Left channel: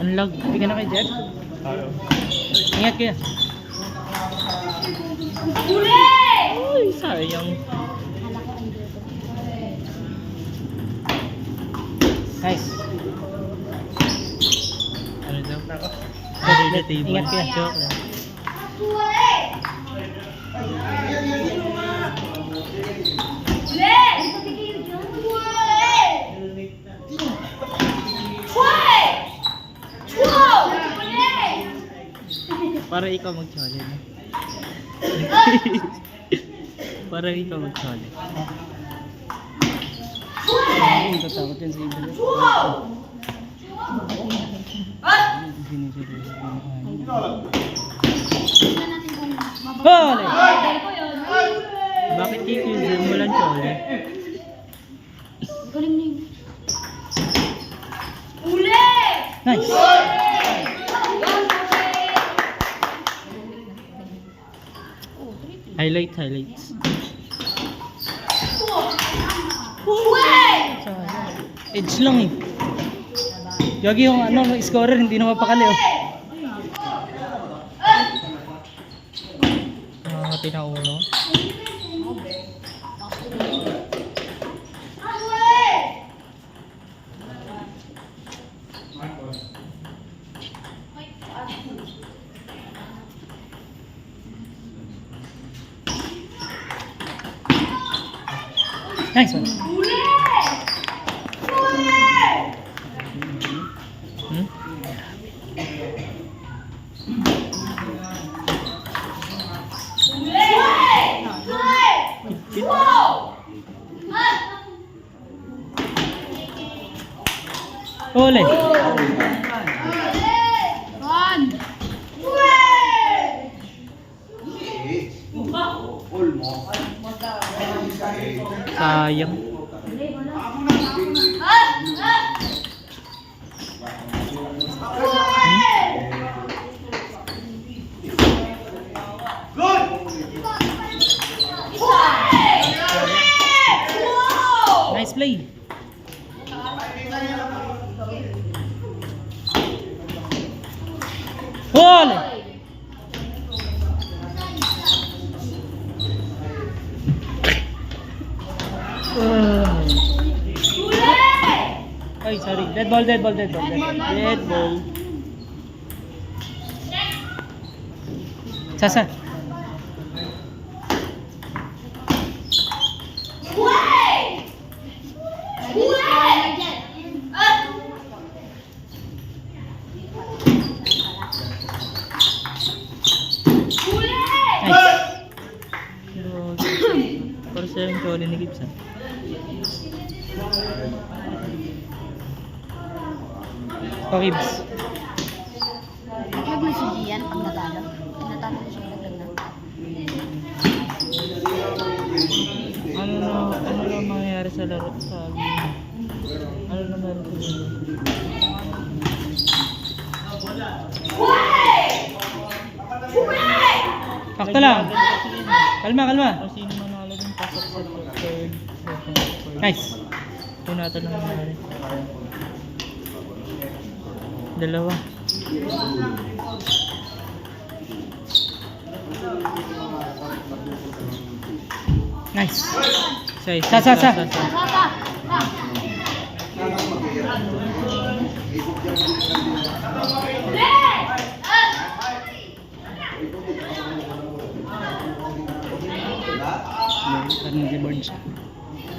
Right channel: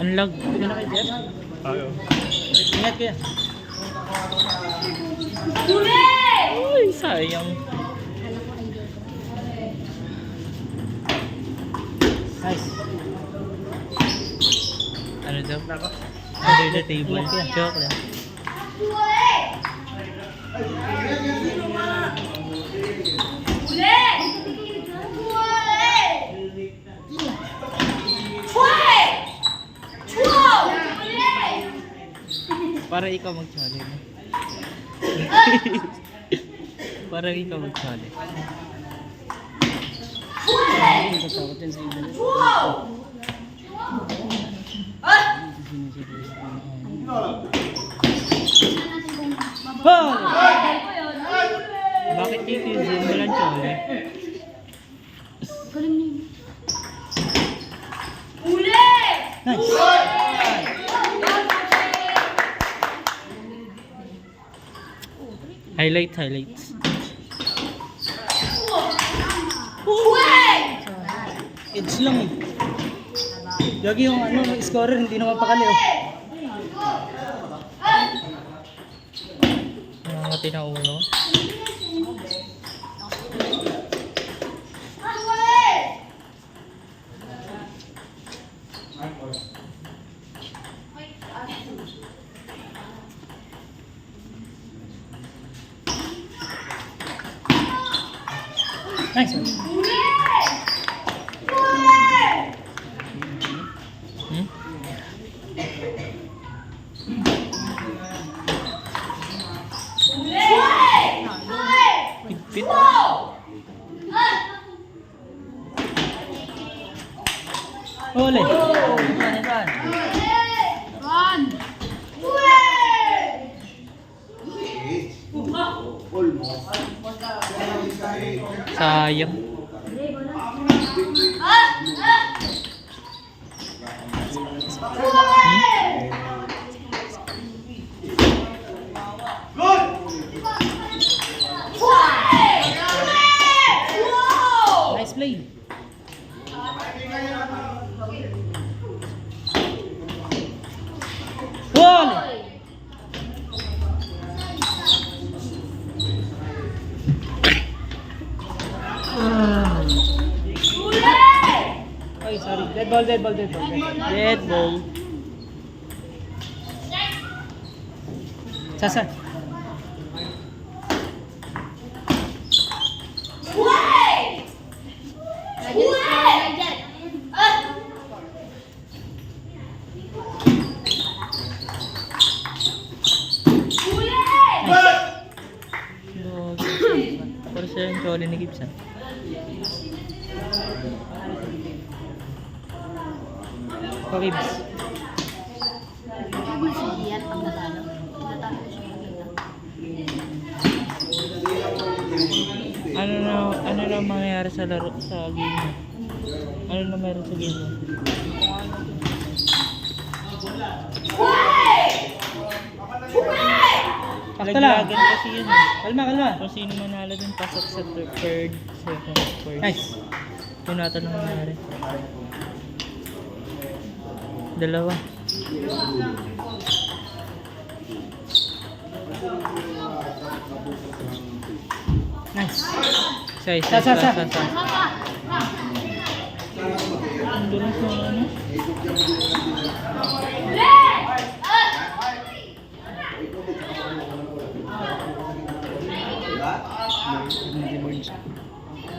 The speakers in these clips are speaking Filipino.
Unlock. Bigyan na kay Jeff. Ingat kaya. Uy, sayang. Nice. Ano daw? Under the table. Joke lang. Para ikaw magsali na. Para ikaw magsali. Ay, katakot yan sa iba. Bale! Bakit kikizim mo lang chole? Nice! Highlights. Edge lang eh. Yagi yung scorer hindi na mapakali oh. Nakangati na ulo. Nice one. Pit. Ole. Sayang. Nice play. Ball. Ay, sorry. Dead ball. Dead ball. Sasa. Para sa yung chole ni Gibson. Gibs. Huwag mo sigiyan ang natalo. Natalo ko siya maganda. Ano na mangyayari sa laro sa game? Ano na meron sa game? Sakto lang. Kalma. Kung sino manalo dun, pasok sa third, second, fourth. Nice. Yun natin ang nangyari. Dalawa. Nice. Sa.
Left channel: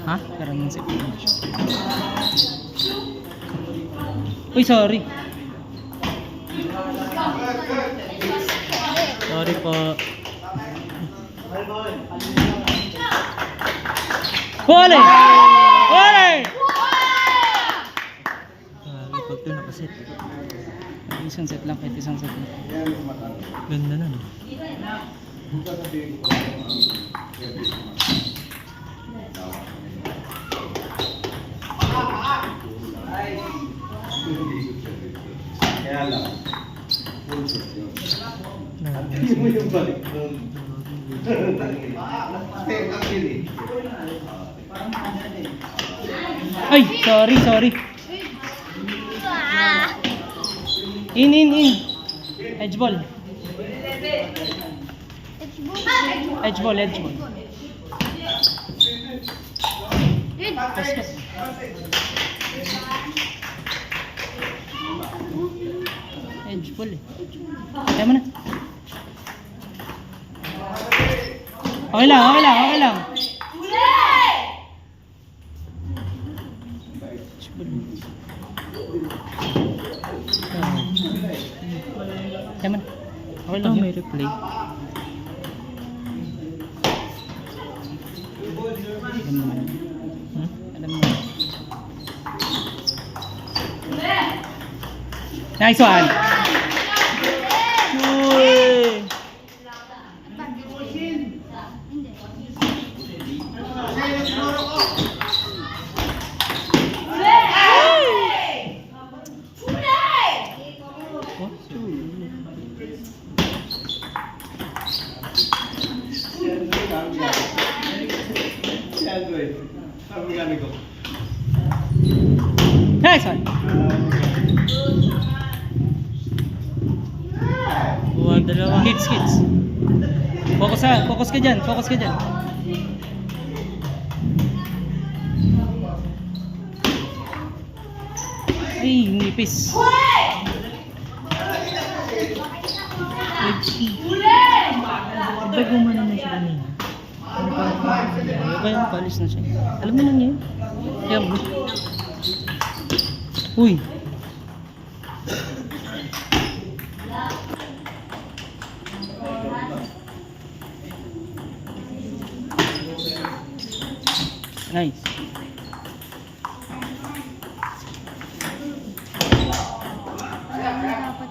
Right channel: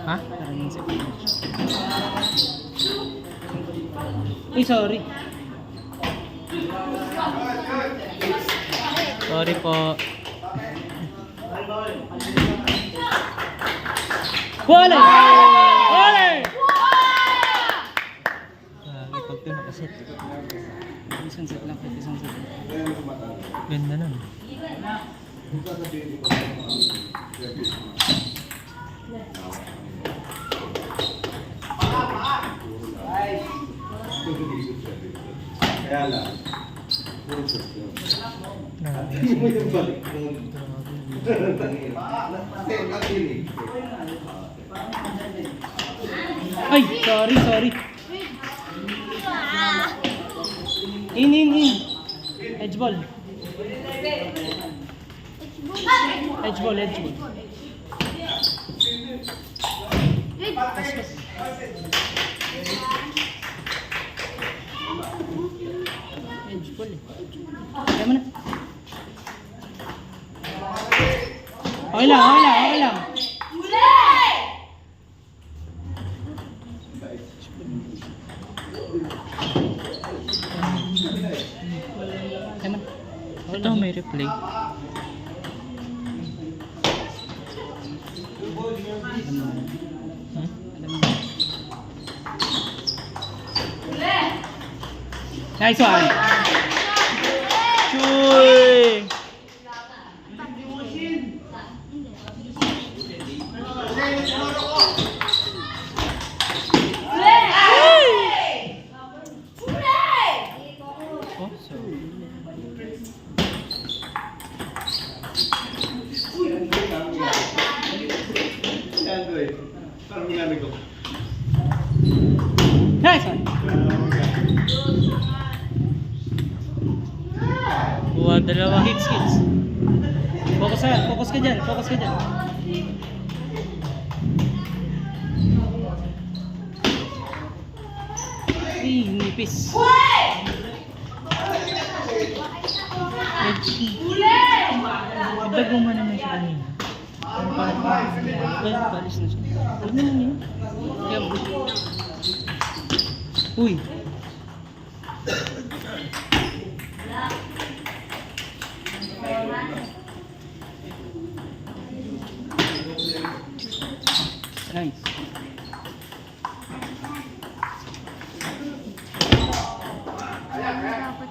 Ha? Uy, sorry. Sorry po. Wale! Pag ito nakaset. Isang set lang. Ganda na. Ay, sorry. In. Edge ball. Edge ball. Pas. Edge ball eh. Kaya mo na. Okay lang. Kaya mo na. Ito may replay. Ha? Nice one. Uy! Nice one. Buwa dalawa. Hits. Focus ka dyan. Ay, nipis. Iba gumana naman siya kanina. Ay, palis na siya. Alam mo na niya. Yan. Uy. Nice. Dapat.